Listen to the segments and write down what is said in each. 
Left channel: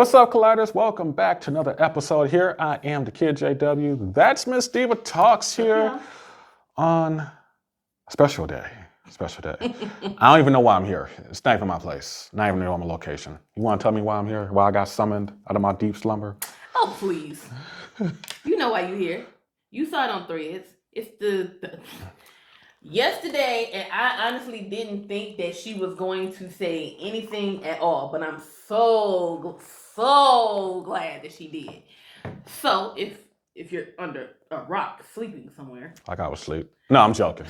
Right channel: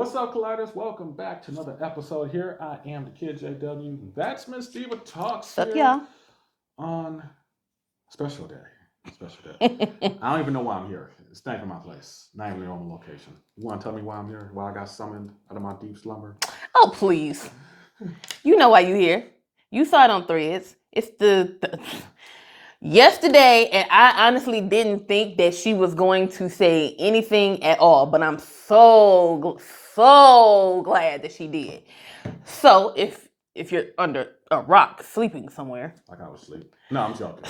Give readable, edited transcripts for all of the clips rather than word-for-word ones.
What's up, Colliders? Welcome back to another episode here. I am the Kid JW. That's Miss Diva Talks here on a special day. I don't even know why I'm here. It's not even my place. Not even know my location. You want to tell me why I'm here? Why I got summoned out of my deep slumber? Oh, please. You know why you here. You saw it on Threads. It's the yesterday, and I honestly didn't think that she was going to say anything at all, but I'm so glad that she did. So if you're under a rock sleeping somewhere, like I was asleep. No, I'm joking.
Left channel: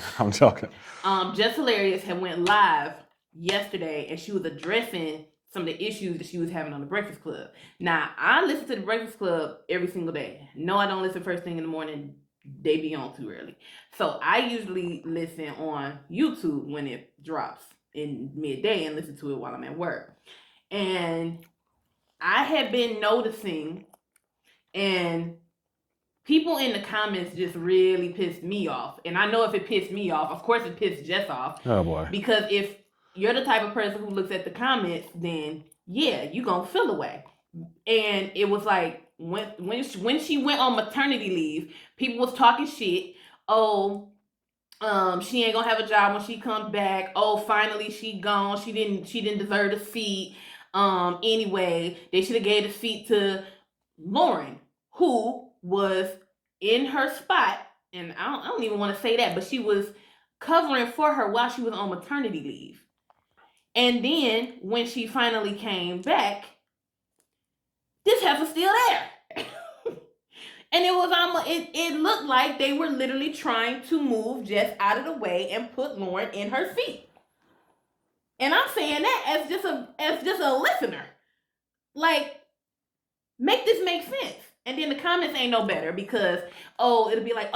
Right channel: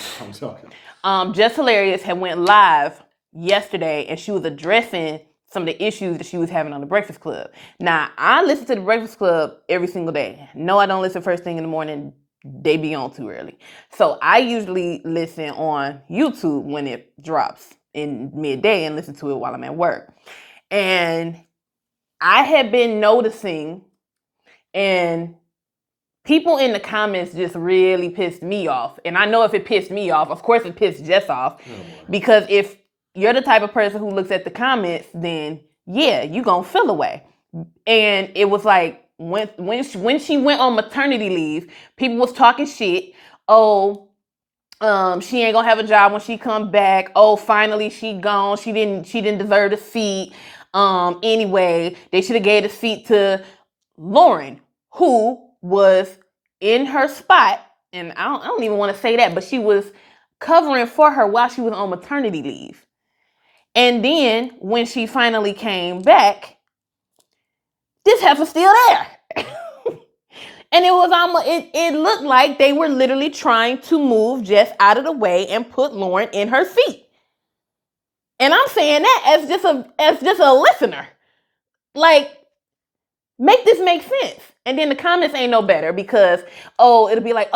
Jess Hilarious had went live yesterday, and she was addressing some of the issues that she was having on the Breakfast Club. Now, I listen to the Breakfast Club every single day. No, I don't listen first thing in the morning. They be on too early. So I usually listen on YouTube when it drops in midday and listen to it while I'm at work. And I had been noticing, and people in the comments just really pissed me off. And I know if it pissed me off, of course it pissed Jess off. Oh boy. Because if you're the type of person who looks at the comments, then yeah, you gonna feel away. And it was like when she went on maternity leave, people was talking shit. Oh, she ain't gonna have a job when she come back. Oh, finally she gone. She didn't deserve the seat. Anyway, they should have gave the seat to Loren, who was in her spot, and I don't even want to say that, but she was covering for her while she was on maternity leave. And then when she finally came back, this heifer's still there. And it was almost, it looked like they were literally trying to move Jess out of the way and put Loren in her seat. And I'm saying that as just a listener. Like, make this make sense. And then the comments ain't no better because, it'll be like,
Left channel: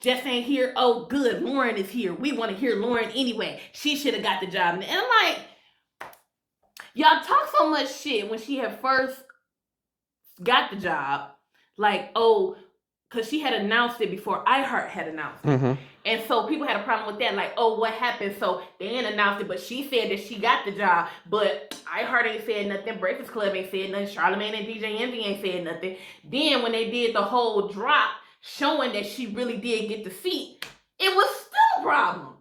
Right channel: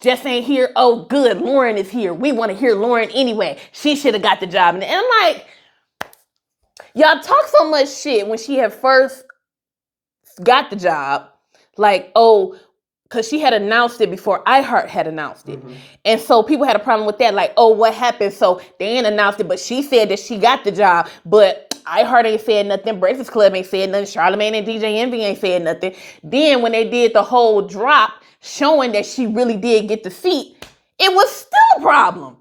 Jess ain't here. Oh, good, Loren is here. We want to hear Loren anyway. She should have got the job. And I'm like, y'all talk so much shit when she had first got the job. Like, because she had announced it before iHeart had announced it. Mm-hmm. And so people had a problem with that. Like, what happened? So they ain't announced it, but she said that she got the job. But iHeart ain't said nothing. Breakfast Club ain't said nothing. Charlamagne and DJ Envy ain't said nothing. Then when they did the whole drop showing that she really did get the seat, it was still a problem.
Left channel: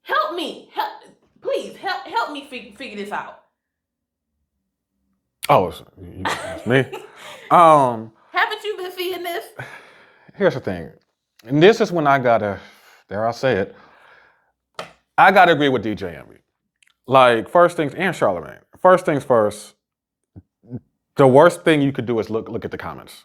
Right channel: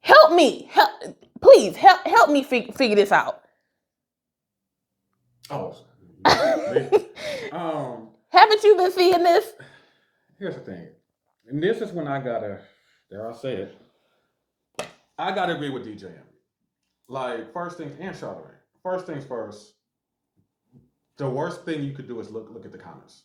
Help me. Please, help me figure this out. Oh, me? Haven't you been seeing this? Here's the thing. And this is when I gotta, dare I say it, I gotta agree with DJ Envy. Like, first things, and Charlamagne. First things first, the worst thing you could do is look at the comments.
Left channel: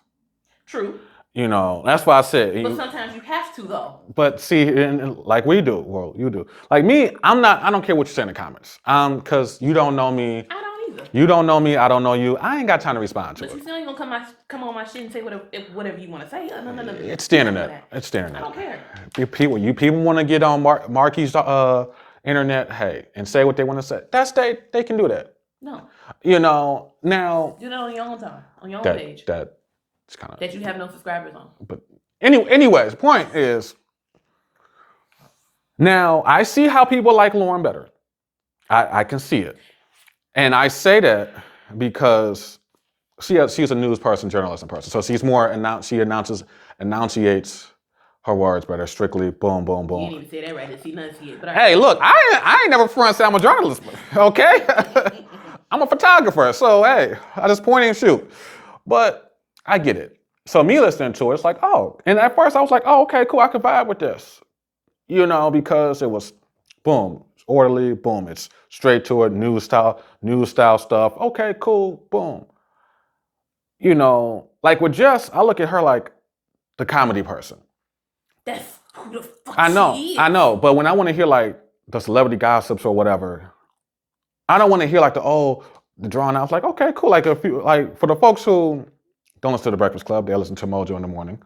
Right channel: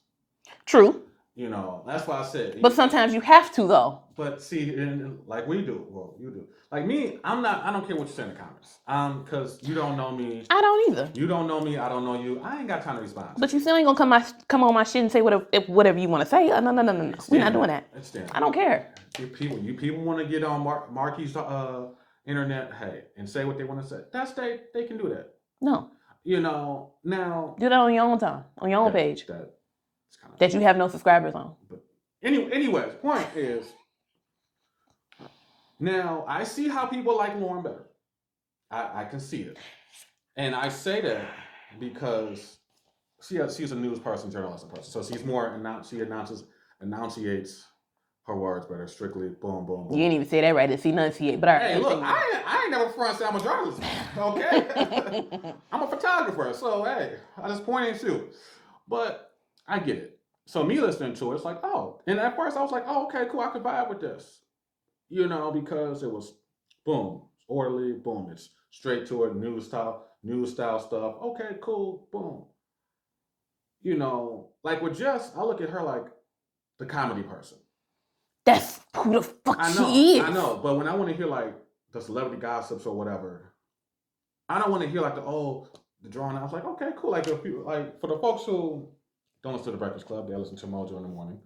True. You know, that's why I said. But sometimes you have to, though. But see, like we do, well, you do. Like me, I don't care what you say in the comments. Because you don't know me. I don't either. You don't know me, I don't know you. I ain't got time to respond to But you still ain't gonna come on my shit and say whatever you want to say. No. It's the internet. It's the internet. I don't care. You people want to get on Marky's internet, hey, and say what they want to say. They can do that. No. You know, now. Do that on your own time, on your own page. That you have no subscribers on. But anyways, point is, now I see how people like Loren better. I can see it. And I say that because she's a news person, journalist person. So she's more, she enunciates her words better, strictly boom, boom, boom. You didn't even say that right, it's enunciate. But hey, look, I ain't never front said I'm a journalist, okay? I'm a photographer, so hey, I just point and shoot. But I get it. So me listening to it, it's like, and at first I was like, okay, cool, I can vibe with this. You know, because it was boom, it's orderly, boom, it's straight to it, news style stuff. Okay, cool, boom. You know, like with Jess, I look at her like the comedy person. That's who the fuck she is. I know, but when I want to hear like the celebrity gossips or whatever, I don't want to hear like the drawn out. It's like, okay, cool. Like for the folks who don't listen to the Breakfast Club, they listen to Mojo in the morning.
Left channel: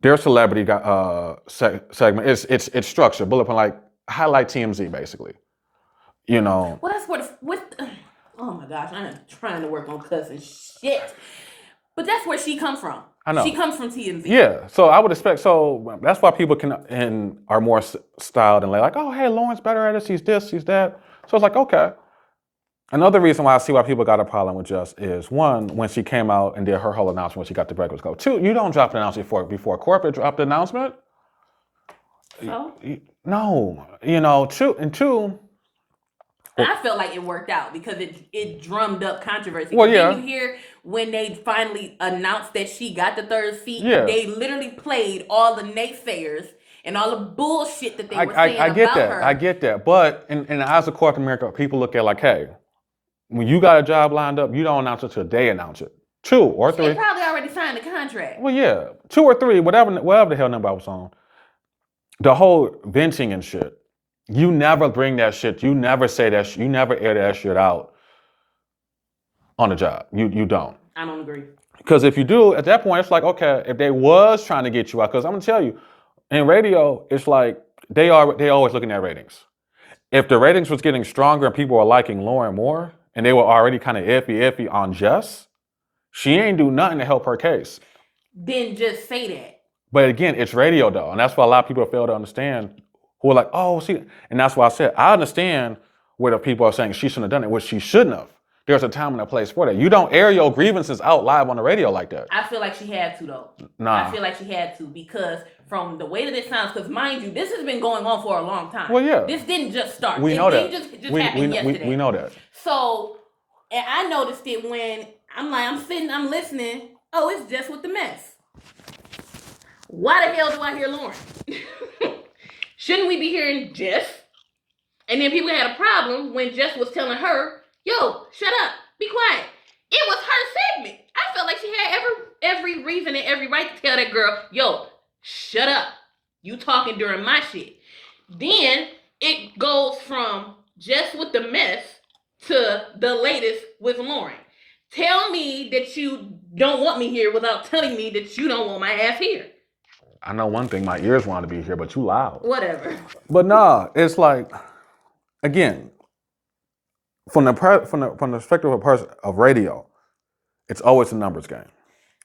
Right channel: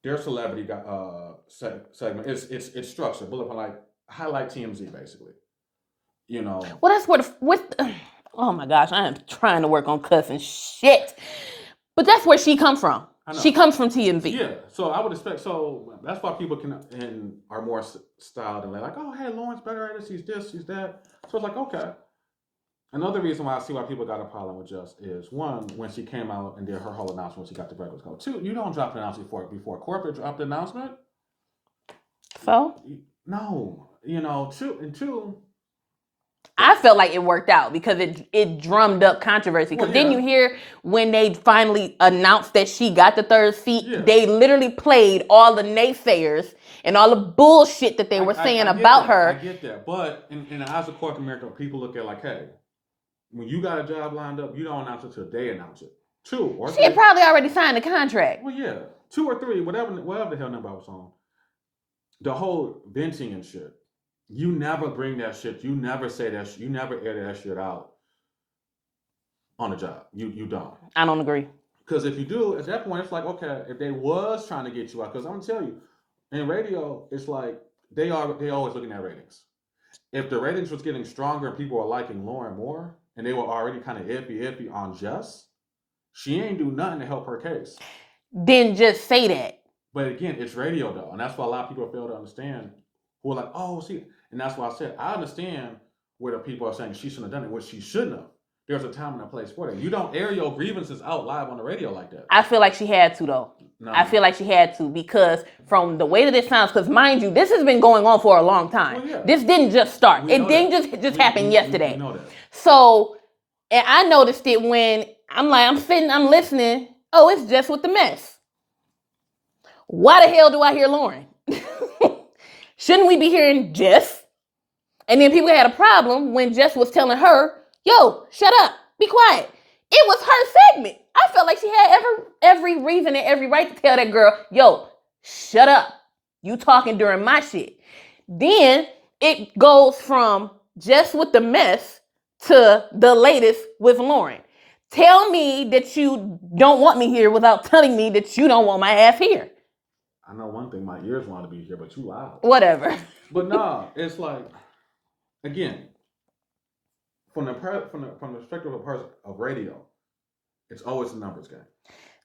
Their celebrity segment it's structured, bullet point, like highlight TMZ basically. You know. Well, that's oh my gosh, I am trying to work on cussing shit. But that's where she comes from. I know. She comes from TMZ. Yeah, so I would expect, so that's why people are more styled and like, hey, Loren's better at this, he's this, he's that. So it's like, okay. Another reason why I see why people got a problem with Jess is one, when she came out and did her whole announcement when she got the Breakfast Club. Two, you don't drop an announcement before corporate dropped the announcement. So No, two. I felt like it worked out because it drummed up controversy. Well, Didn't yeah. you hear when they finally announced that she got the third seat? Yeah. They literally played all the naysayers and all the bullshit that they were saying I get about that. her. I get that. But in the eyes of corporate America, people look at it like, hey, when you got a job lined up, you don't announce it till they announce it. 2 or 3. She probably already signed the contract. Well, yeah, 2 or 3, whatever the hell number I was on. The whole venting and shit. You never bring that shit. You never say that. You never air that shit out on the job. You don't. I don't agree. Because if you do, at that point, it's like, okay, if they was trying to get you out, because I'm gonna tell you, in radio, it's like they always looking at ratings. If the ratings was getting stronger and people were liking Loren more, and they were already kind of iffy on Jess, she ain't do nothing to help her case. Then just say that. But again, it's radio though, and that's why a lot of people fail to understand. Who are like, oh, see, and that's why I said I understand where the people are saying she shouldn't have done it, which she shouldn't have. There's a time and a place for that. You don't air your grievances out live on the radio like that. I feel like she had to though. Nah. I feel like she had to because from the way that it sounds, because mind you, this has been going on for a long time. Well, yeah. This didn't just start. We It know didn't that. just happen yesterday. We know that. So, and I noticed it when I'm sitting, I'm listening. Oh, it's just with the mess. Why the hell do I hear Loren? Shouldn't we be hearing Jess? And then people had a problem when Jess was telling her, yo, shut up, be quiet. It was her segment. I felt like she had every reason and every right to tell that girl, yo, shut up. You talking during my shit. Then it goes from Jess with the mess to the latest with Loren. Tell me that you don't want me here without telling me that you don't want my ass here. I know one thing, my ears want to be here, but you loud. Whatever. But nah, it's like, again, from the perspective of a person of radio, it's always a numbers game.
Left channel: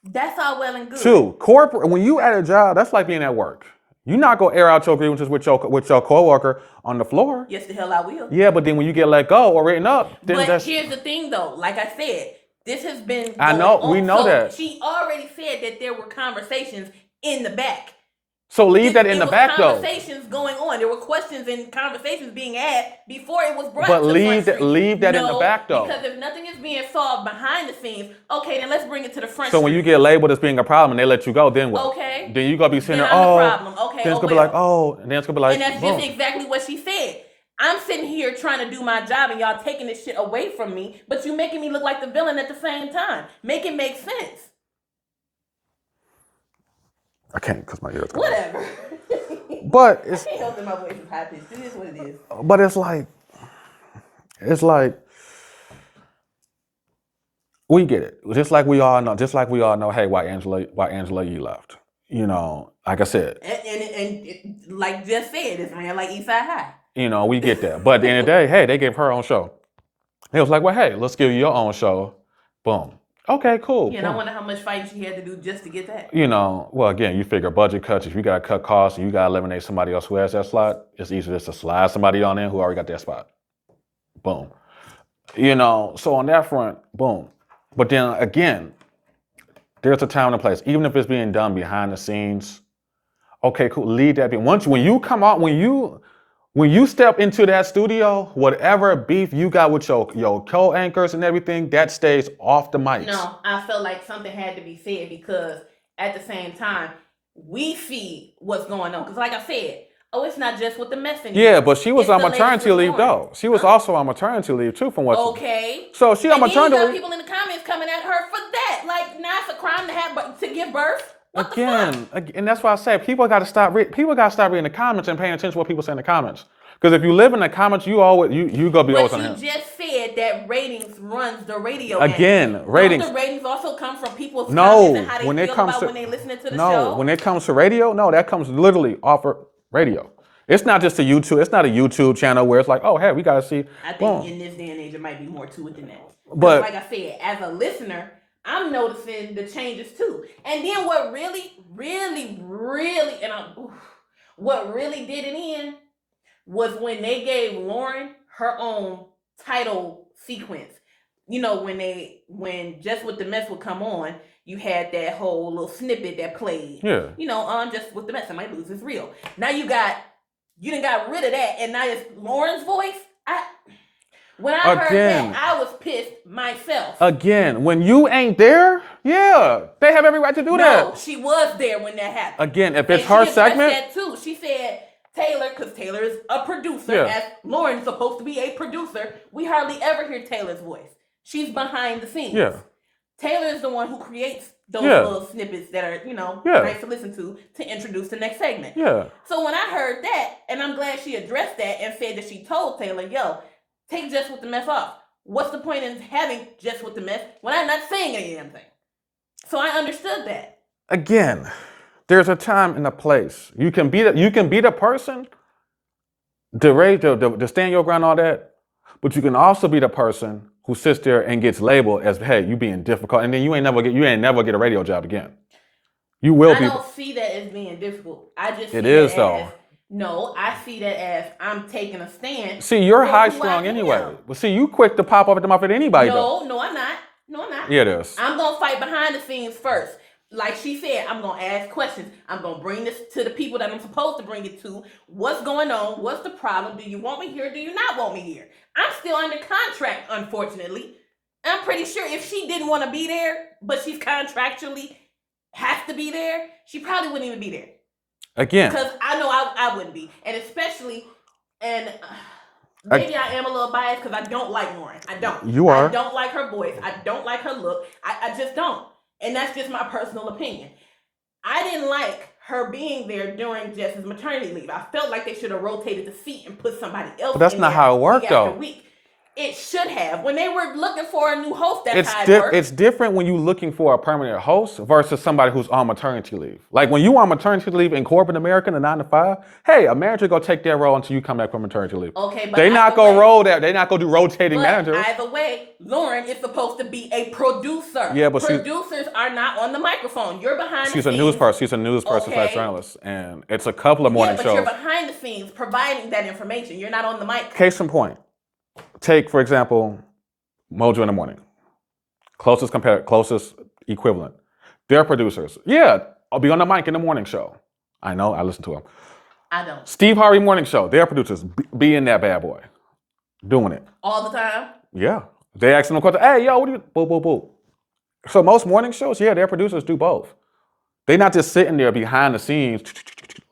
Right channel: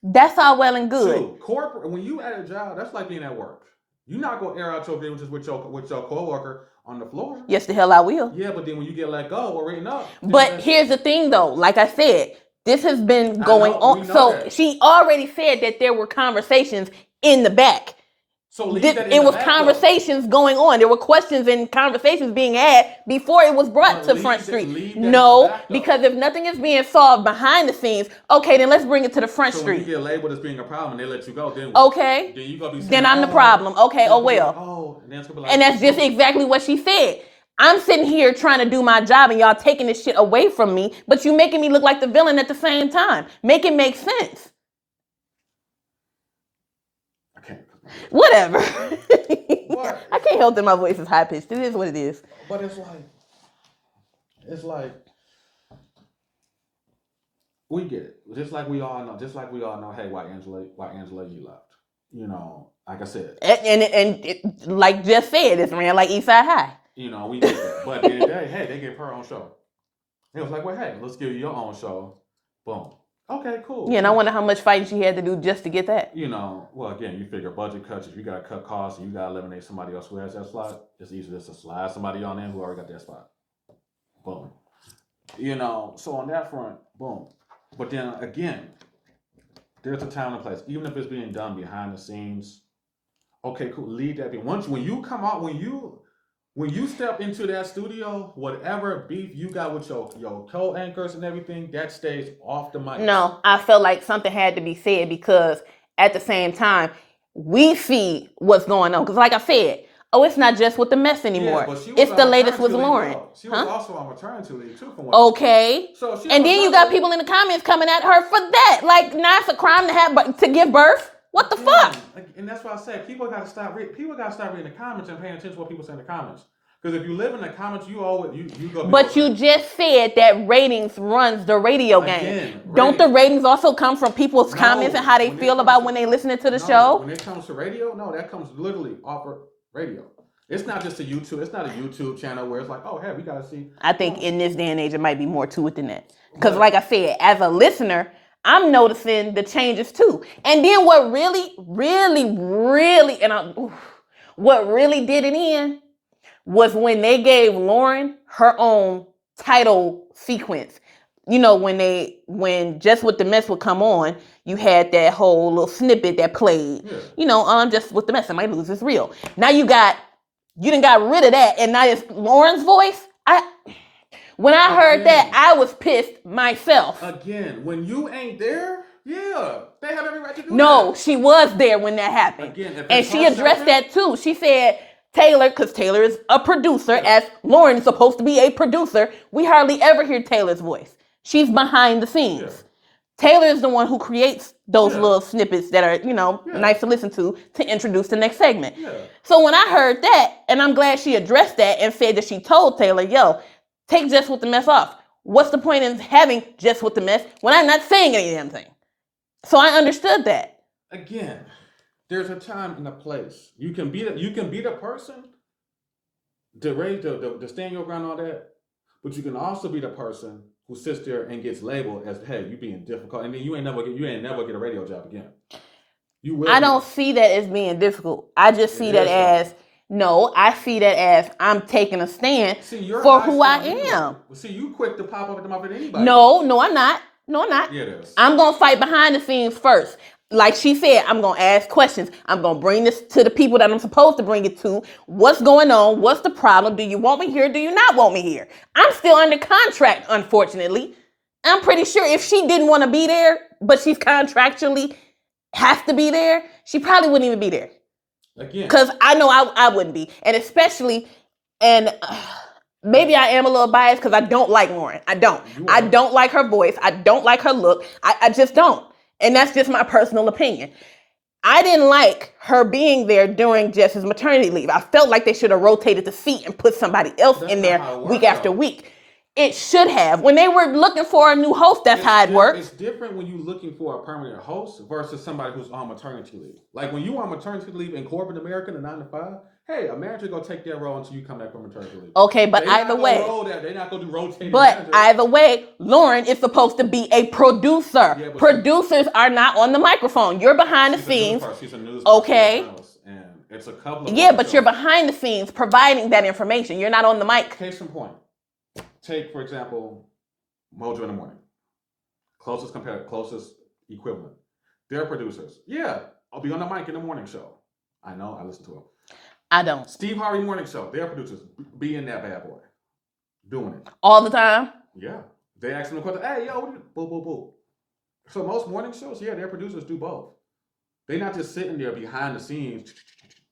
That's all well and good. 2, corporate. When you at a job, that's like being at work. You're not gonna air out your grievances with your coworker on the floor. Yes, the hell I will. Yeah, but then when you get let go or written up, then But here's the thing, though. Like I said, this has been going on. We know so that. she already said that there were conversations in the back. So leave that in the back, It was conversations going on. There were questions and conversations being had before it was brought to Front Street. Leave that in the back, though. Because if nothing is being solved behind the scenes, okay, then let's bring it to the Front Street. So when you get labeled as being a problem and they let you go, then what? Okay. Then you gonna be saying, Then I'm the problem. Okay, then it's gonna be like, well. and then it's gonna be like, And that's just exactly what she said. I'm sitting here trying to do my job and y'all taking this shit away from me, but you making me look like the villain at the same time. Make it make sense. I can't because my ears. Whatever. But I can't help that my voice is high pitched. It is what it is. But it's like we get it. Just like we all know, hey, why Angela Yee left. You know, like I said. And like Jess said, it's ran like Eastside High. You know, we get that. But at the end of the day, hey, they gave her own show. They was like, well, hey, let's give you your own show. Boom. Okay, cool. Yeah, and I wonder how much fighting she had to do just to get that. You know, well, again, you figure budget cuts. If you got to cut costs and you got to eliminate somebody else who has that slot, it's easier just to slide somebody on in who already got that spot. Boom. You know, so on that front, boom. But then again, there's a time and a place. Even if it's being done behind the scenes, okay, cool. Leave that be. When you step into that studio, whatever beef you got with your co-anchors and everything, that stays off the mic. No, I felt like something had to be said because at the same time, we see what's going on. Because like I said, it's not just with the mess anymore. Yeah, but she was It's on the latest maternity with leave Loren. though. She was also on maternity leave too from what. Okay. So she on and then maternity you got leave. people in the comments coming at her for that. Like, now it's a crime to give birth. What the fuck? And that's why I say people got to stop reading the comments and paying attention to what people say in the comments. Because if you live in the comments, you gonna be. But you just said that ratings runs the radio game. Again, ratings. Don't the ratings also come from people's comments and how they feel about when they listening to the show? When it comes to radio, no, that comes literally off of radio. It's not just a YouTube. It's not a YouTube channel where it's like, oh, hey, we gotta see. I think in this day and age, it might be more to it than that. But- Because like I said, as a listener, I'm noticing the changes too. And then what really, what really did it in was when they gave Loren her own title sequence. You know, when Just With the Mess would come on, you had that whole little snippet that played. Yeah. You know, Just With the Mess, somebody loses real. Now you done got rid of that, and now it's Lauren's voice. When I heard that, I was pissed myself. Again, when you ain't there, yeah, they have every right to do that. No, she was there when that happened. Again, if it's her and she addressed segment, that too. She said Taylor, because Taylor is a producer, as Lauren's supposed to be a producer. We hardly ever hear Taylor's voice. She's behind the scenes. Yeah. Taylor is the one who creates those little snippets that are, nice to listen to introduce the next segment. Yeah. So when I heard that, and I'm glad she addressed that and said that she told Taylor, yo, take Just With the Mess off. What's the point in having Just With the Mess when I'm not saying any damn thing? So I understood that. Again, there's a time and a place. You can be the person to stand your ground, all that, but you can also be the person who sits there and gets labeled as, hey, you being difficult, and then you ain't never get a radio job again. You will. I don't see that as being difficult. I just see that as no. I see that as I'm taking a stand. See, you're for high who strung I anyway. am. Well, see, you quick to pop up at the mouth at anybody. No, I'm not. No, I'm not. Yeah, it is. I'm gonna fight behind the scenes first. Like she said, I'm gonna ask questions. I'm gonna bring this to the people that I'm supposed to bring it to. What's going on? What's the problem? Do you want me here? Do you not want me here? I'm still under contract, unfortunately. I'm pretty sure if she didn't want to be there, but she's contractually has to be there, she probably wouldn't even be there. Again. Because I know I wouldn't be. And especially, maybe I am a little biased because I don't like Loren. I don't. You are. I don't like her voice. I don't like her look. I just don't. And that's just my personal opinion. I didn't like her being there during Jess's maternity leave. I felt like they should have rotated the seat and put somebody else in there week after week. It should have. When they were looking for a new host, that's how it worked. It's different when you're looking for a permanent host versus somebody who's on maternity leave. Like when you on maternity leave in corporate America, the 9 to 5, hey, a manager go take that role until you come back from maternity leave. Okay, but they're not gonna roll that. They're not gonna do rotating manager. But either way, Loren is supposed to be a producer. Yeah, but producers are not on the microphone. You're behind the scenes. She's a news person, okay. Journalist, and it's a couple of morning shows. You're behind the scenes providing that information. You're not on the mic. Case in point. Take, for example, Mojo in the Morning. Closest equivalent. They're producers. Yeah, I'll be on the mic in the morning show. I know, I listen to them. I don't. Steve Harvey Morning Show, they're producers. Be in that bad boy. Doing it. All the time? Yeah. They asking them questions, hey, yo, what do you, boo, boo, boo. So most morning shows, yeah, their producers do both. They're not just sitting there behind the scenes,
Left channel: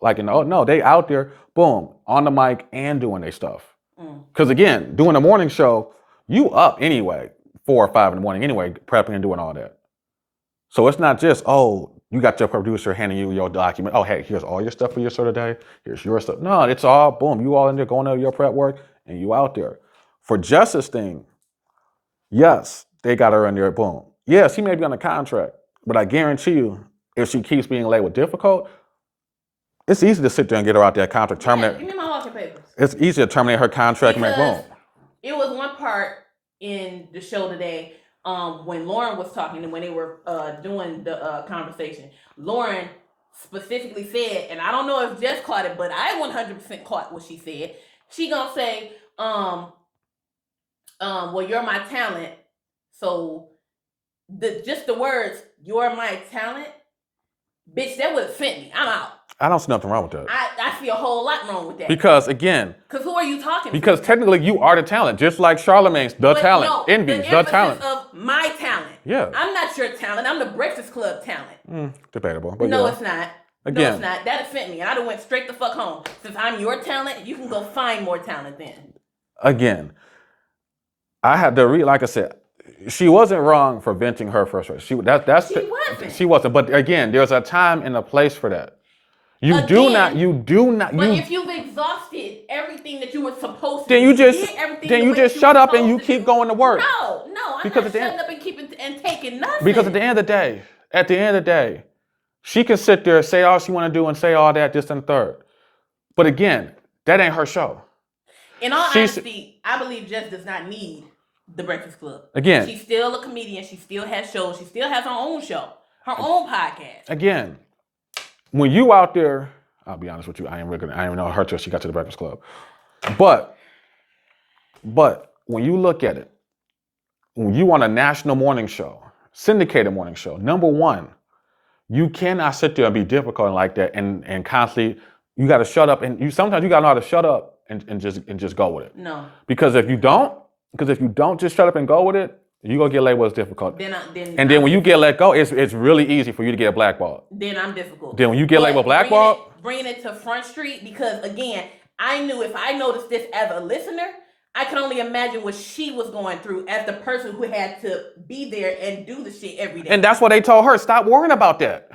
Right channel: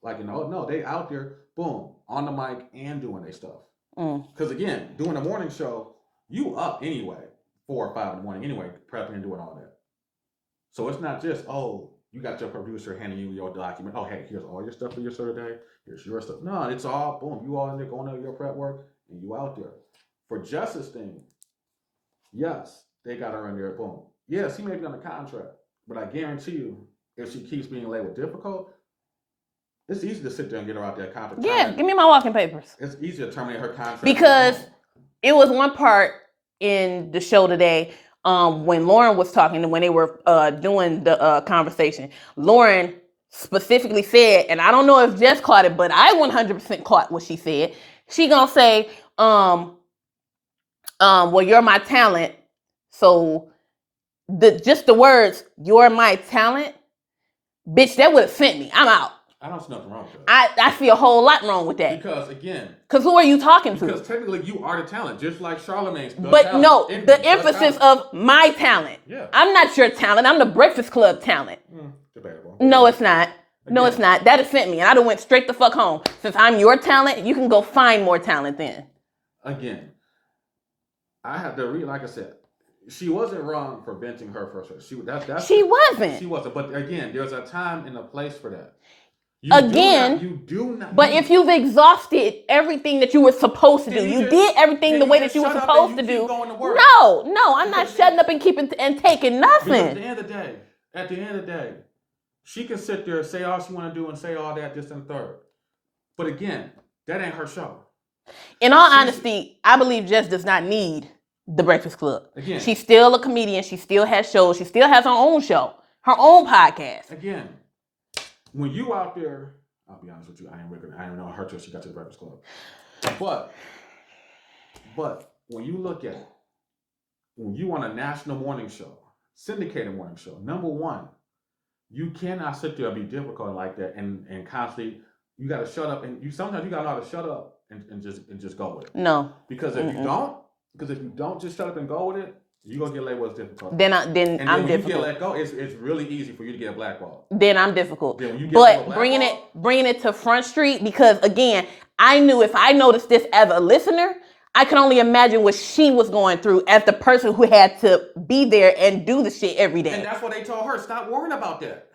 like, no, they out there, boom, on the mic and doing their stuff. Because again, doing a morning show, you up anyway, 4 or 5 in the morning anyway, prepping and doing all that. So it's not just, you got your producer handing you your document. Oh, hey, here's all your stuff for your show today. Here's your stuff. No, it's all, boom, you all in there going over your prep work and you out there. For Justice thing, yes, they got her in there, boom. Yes, he may be on a contract, but I guarantee you, if she keeps being labeled difficult, it's easy to sit there and get her out that contract. Yeah, give me my walking papers. It's easy to terminate her contract. Because it was one part in the show today when Loren was talking and when they were doing the conversation. Loren specifically said, and I don't know if Jess caught it, but I 100% caught what she said. She gonna say, well, you're my talent. So just the words, you're my talent, bitch, that would have sent me. I'm out. I don't see nothing wrong with that. I see a whole lot wrong with that. Because again. Because who are you talking to? Because technically you are the talent, just like Charlamagne's the talent. No, the emphasis of my talent. Yeah. I'm not your talent. I'm the Breakfast Club talent. Debatable. No, it's not. Again. No, it's not. That offended me. And I done went straight the fuck home. Since I'm your talent, you can go find more talent then. Again, I had to like I said, she wasn't wrong for venting her frustration. She wasn't. But again, there's a time and a place for that. You do not. But if you've exhausted everything that you were supposed to do, you did everything the way that you were supposed to do. Then you just shut up and you keep going to work. No, I'm not shutting up and taking nothing. Because at the end of the day, she can sit there and say all she want to do and say all that, this and the third. But again, that ain't her show. In all honesty, I believe Jess does not need the Breakfast Club. Again. She's still a comedian. She still has shows. She still has her own show, her own podcast. Again. When you out there, I'll be honest with you, I ain't even know her till she got to the Breakfast Club. But when you look at it, when you on a national morning show, syndicated morning show, number one, you cannot sit there and be difficult like that and constantly, you got to shut up. And sometimes you got to know how to shut up and just go with it. No. Because if you don't just shut up and go with it, you're going to get labeled as difficult. Then when you get let go, it's really easy for you to get blackballed. Then I'm difficult. Then when you get labeled blackballed. Bringing it to Front Street, because again, I knew if I noticed this as a listener, I can only imagine what she was going through as the person who had to be there and do the shit every day. And that's what they told her. Stop worrying about that.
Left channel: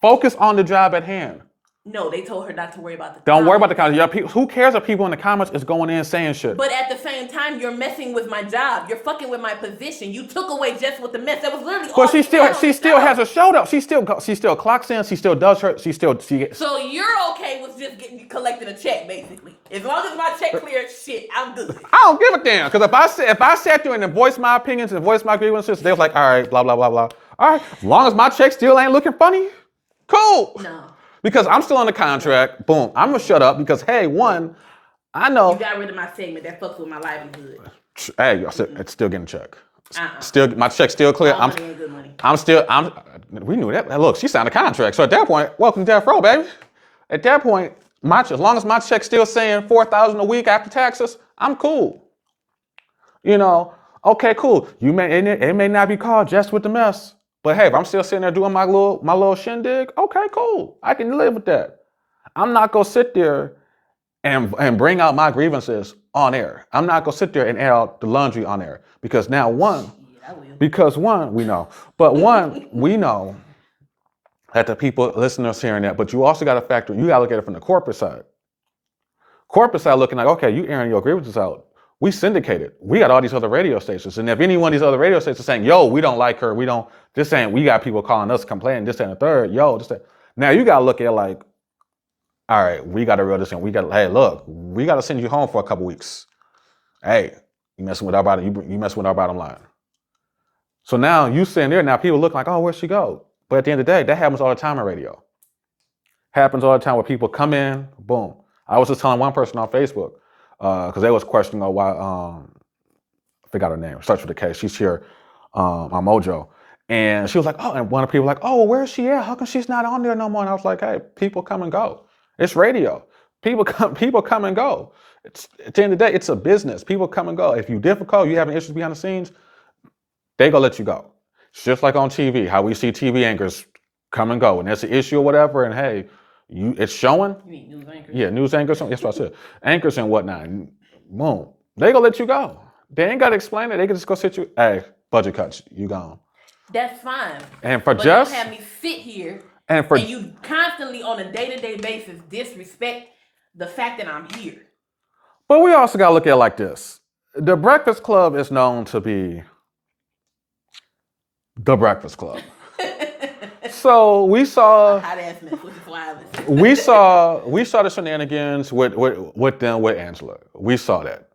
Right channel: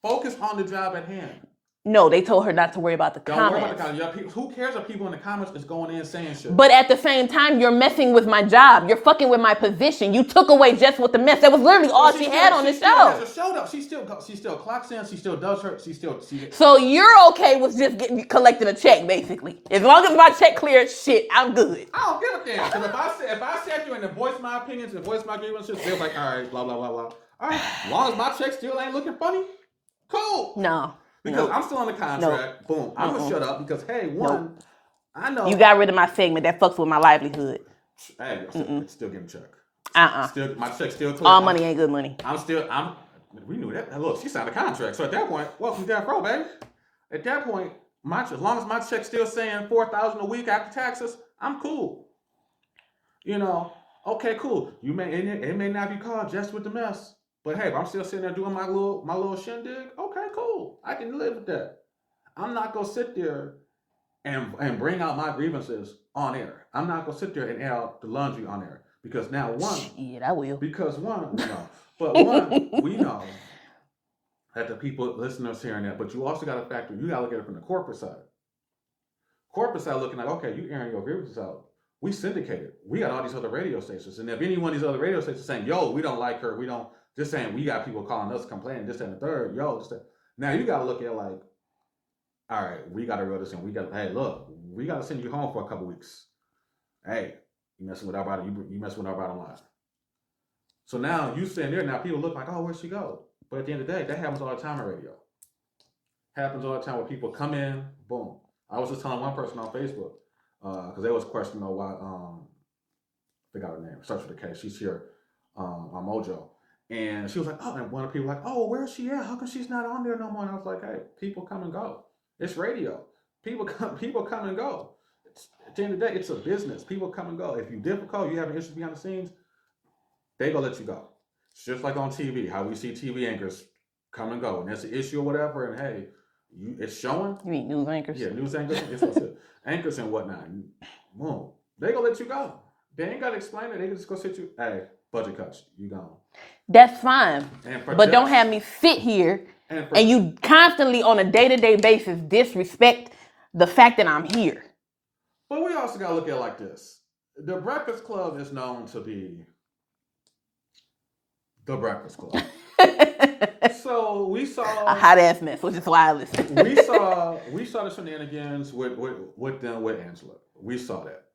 Focus on the job at hand. No, they told her not to worry about the comments. Don't worry about the comments. Who cares if people in the comments is going in saying shit? But at the same time, you're messing with my job. You're fucking with my position. You took away Jess with the mess. That was literally all she had on the show. She still has a show though. She still clocks in. She still does her. So you're okay with just collecting a check, basically. As long as my check clears, shit, I'm good. I don't give a damn. Because if I sat there and voiced my opinions and voiced my grievances, they was like, all right, blah blah blah blah. All right, as long as my check still ain't looking funny, cool. No. Because I'm still under contract. No. Boom. I'm going to shut up because, hey, I know. You got rid of my segment. That fucks with my livelihood. Hey, it's still getting a check. My check's still clear. All money ain't good money. We knew that. Look, she signed a contract. So at that point, welcome to Death Row, baby. At that point, as long as my check's still saying $4,000 a week after taxes, I'm cool. Okay, cool. It may not be called Just with the Mess. But hey, if I'm still sitting there doing my little shindig, okay, cool. I can live with that. I'm not gonna sit there and bring out my grievances on air. I'm not gonna sit there and air out the laundry on air. Because now I will. Because we know. But we know that the people, listeners hearing that, but you also gotta factor, you gotta look at it from the corporate side. Corporate side looking like, okay, you airing your grievances out. We syndicated. We got all these other radio stations. And if any one of these other radio stations is saying, yo, we don't like her, we got people calling us complaining, this and the third, Now you got to look at it like, all right, we got to reel this in. Hey, look, we got to send you home for a couple weeks. Hey, you messing with our bottom line. So now you sitting there, now people look like, oh, where'd she go? But at the end of the day, that happens all the time in radio. Happens all the time where people come in, boom. I was just telling one person on Facebook, because they was questioning why, I forgot her name, search for the case. She's here on Mojo. And she was like, oh, and one of the people was like, oh, where's she at? How come she's not on there no more? And I was like, hey, people come and go. It's radio. People come and go. At the end of the day, it's a business. People come and go. If you're difficult, you having issues behind the scenes, they gonna let you go. It's just like on TV, how we see TV anchors come and go. And there's an issue or whatever, and hey, it's showing. You mean news anchors? Yeah, news anchors. That's what I said. Anchors and whatnot. Boom. They gonna let you go. They ain't gotta explain it. They can just go sit you. Hey, budget cuts. You gone. That's fine. But don't have me sit here and you constantly on a day-to-day basis disrespect the fact that I'm here. But we also gotta look at it like this. The Breakfast Club is known to be the Breakfast Club. So we saw a hot ass mess, which is why I listen. we saw the shenanigans with them with Angela. We saw that.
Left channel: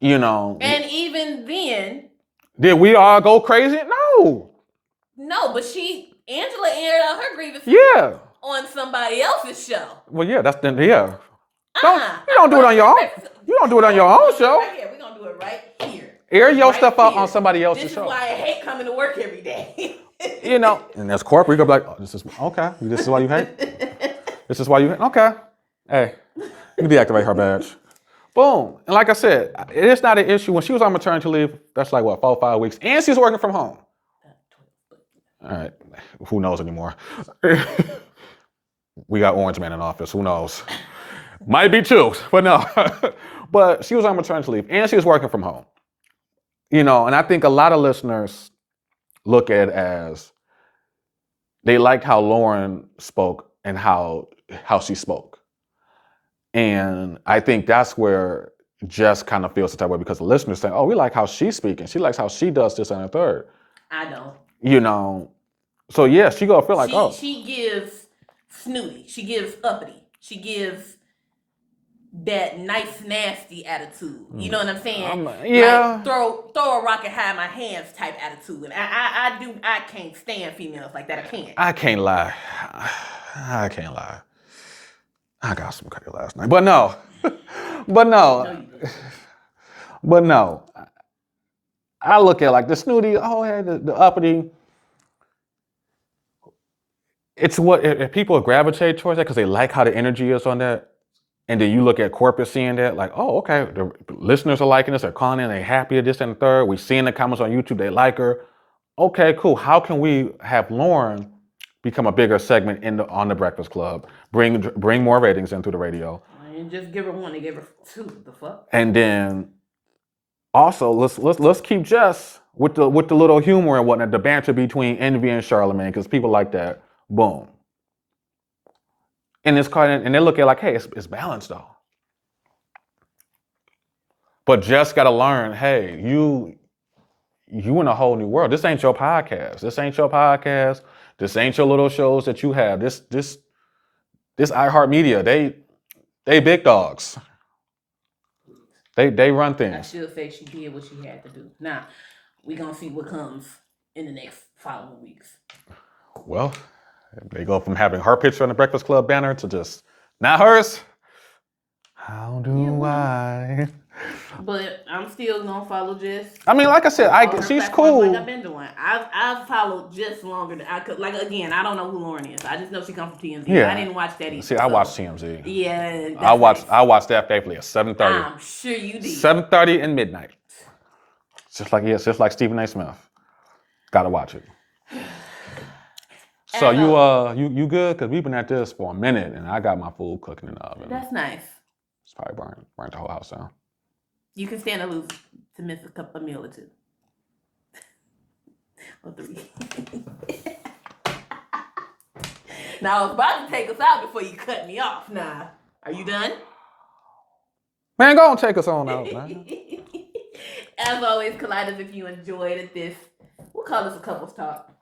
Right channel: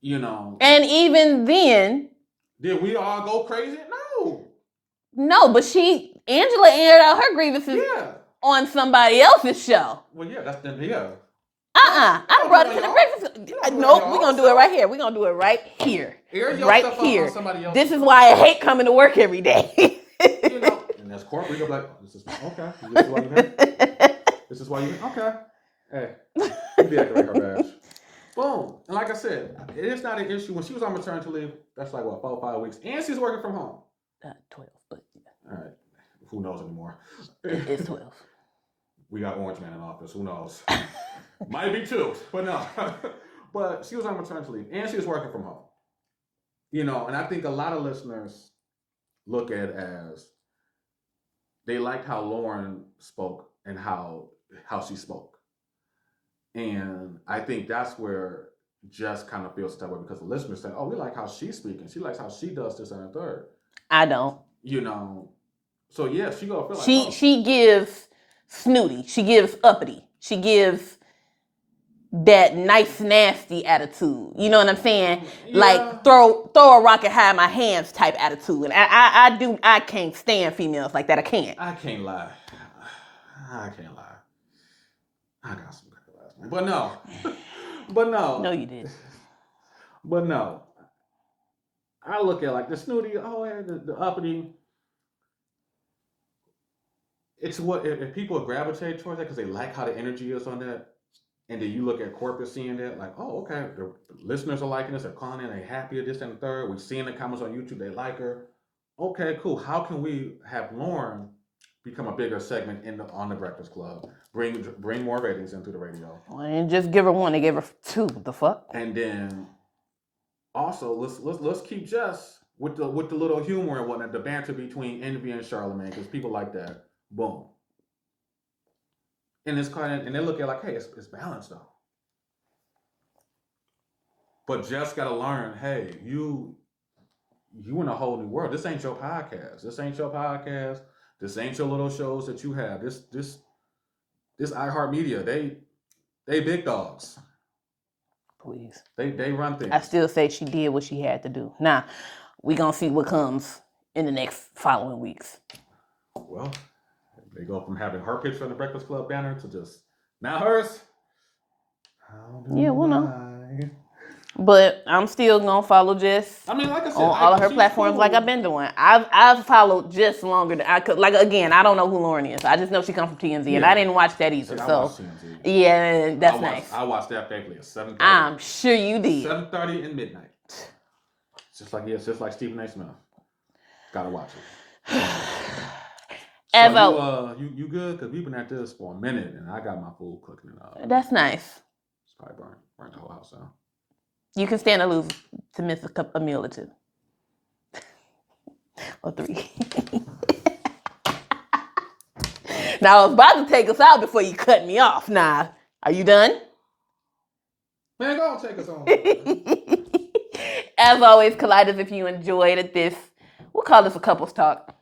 And even then, did we all go crazy? No, but Angela aired out her grievances on somebody else's show. Well, yeah, that's then yeah. You don't do it on your own. You don't do it on your own. We're gonna do it right here. We're gonna do it right here. Air your stuff out on somebody else's show. This is show. why I hate coming to work every day. And as corporate, you go be like, oh, this is okay. This is why you hate. This is why you hate. Okay. Hey, you can deactivate her badge. Boom. And like I said, it is not an issue. When she was on maternity leave, that's like what, 4 or 5 weeks, and she's working from home. 12, but all right. Who knows anymore? We got Orange Man in office. Who knows? Might be 2, but no. But she was on maternity leave, and she was working from home. And I think a lot of listeners look at it as they liked how Loren spoke and how she spoke. And I think that's where Jess kind of feels the type of way, because the listeners say, oh, we like how she's speaking. She likes how she does this and the third. I don't. So yeah, she gonna feel like, she gives snooty. She gives uppity. She gives that nice, nasty attitude. You know what I'm saying? Like throw a rock and hide my hands type attitude. And I can't stand females like that. I can't. I can't lie. I got some cookie last night. But no. No, you didn't. But no, I look at like the snooty, oh, yeah, the uppity. It's what if people gravitate towards that because they like how the energy is on that. And then you look at corporate seeing that, like, oh, okay, the listeners are liking this, they're calling in, they're happy at this and the third. We see in the comments on YouTube, they like her. Okay, cool. How can we have Lauren become a bigger segment on the Breakfast Club? Bring more ratings in through the radio. And just give her one, they gave her 2. The fuck? And then also let's keep Jess with the little humor and whatnot, the banter between Envy and Charlamagne, because people like that. Boom. And it's called, and they look at it like, hey, it's balanced though. But Jess got to learn, hey, you in a whole new world. This ain't your podcast. This ain't your podcast. This ain't your little shows that you have. This iHeartMedia, they big dogs. Please. They run things. I still say she did what she had to do. Now, we gonna see what comes in the next following weeks. Well, they go from having her picture on the Breakfast Club banner to just not hers. How do I? But I'm still gonna follow Jess. I mean, like I said, all of her she's platforms cool. like I've been doing. I've followed Jess longer than I could. Like again, I don't know who Lauren is. I just know she comes from TMZ. Yeah. I didn't watch that either. See, I watched TMZ. Yeah, that's nice. I watched that faithfully at 7:30. I'm sure you did. 7:30 and midnight. Just like Stephen A. Smith. Gotta watch it. So you good? Cause we've been at this for a minute, and I got my food cooking in the oven. That's nice. It's probably burnt the whole house down. You can stand to lose to miss a meal or 2. Or 3. Now I was about to take us out before you cut me off. Nah, are you done? Man, go and take us on out, man. As always, Colliders, if you enjoyed this, we'll call this a couples talk,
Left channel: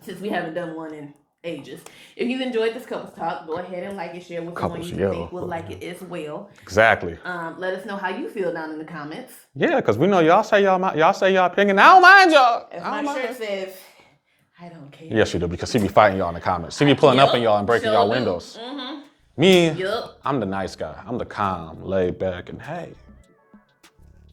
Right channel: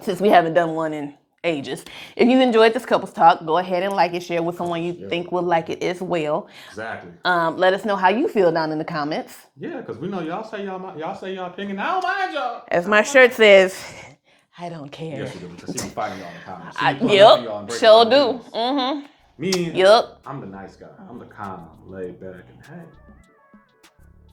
since we haven't done one in ages. If you enjoyed this couples talk, go ahead and like it, share with someone you think will like it as well. Exactly. Let us know how you feel down in the comments. Yeah, because we know y'all say y'all opinion. I don't mind y'all. As my shirt says, I don't care. Yes, you do, because she be fighting y'all in the comments. She be pulling up on y'all and breaking y'all windows. Mm-hmm. Me, I'm the nice guy. I'm the calm, laid back, and hey,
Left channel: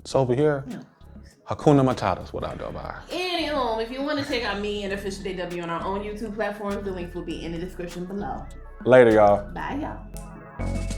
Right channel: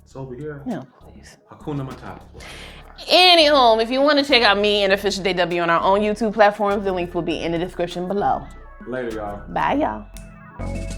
it's over here. No, please. Hakuna Matata is what I go by. Anyhow, if you want to check out me and Official JW on our own YouTube platforms, the links will be in the description below. Later, y'all. Bye, y'all.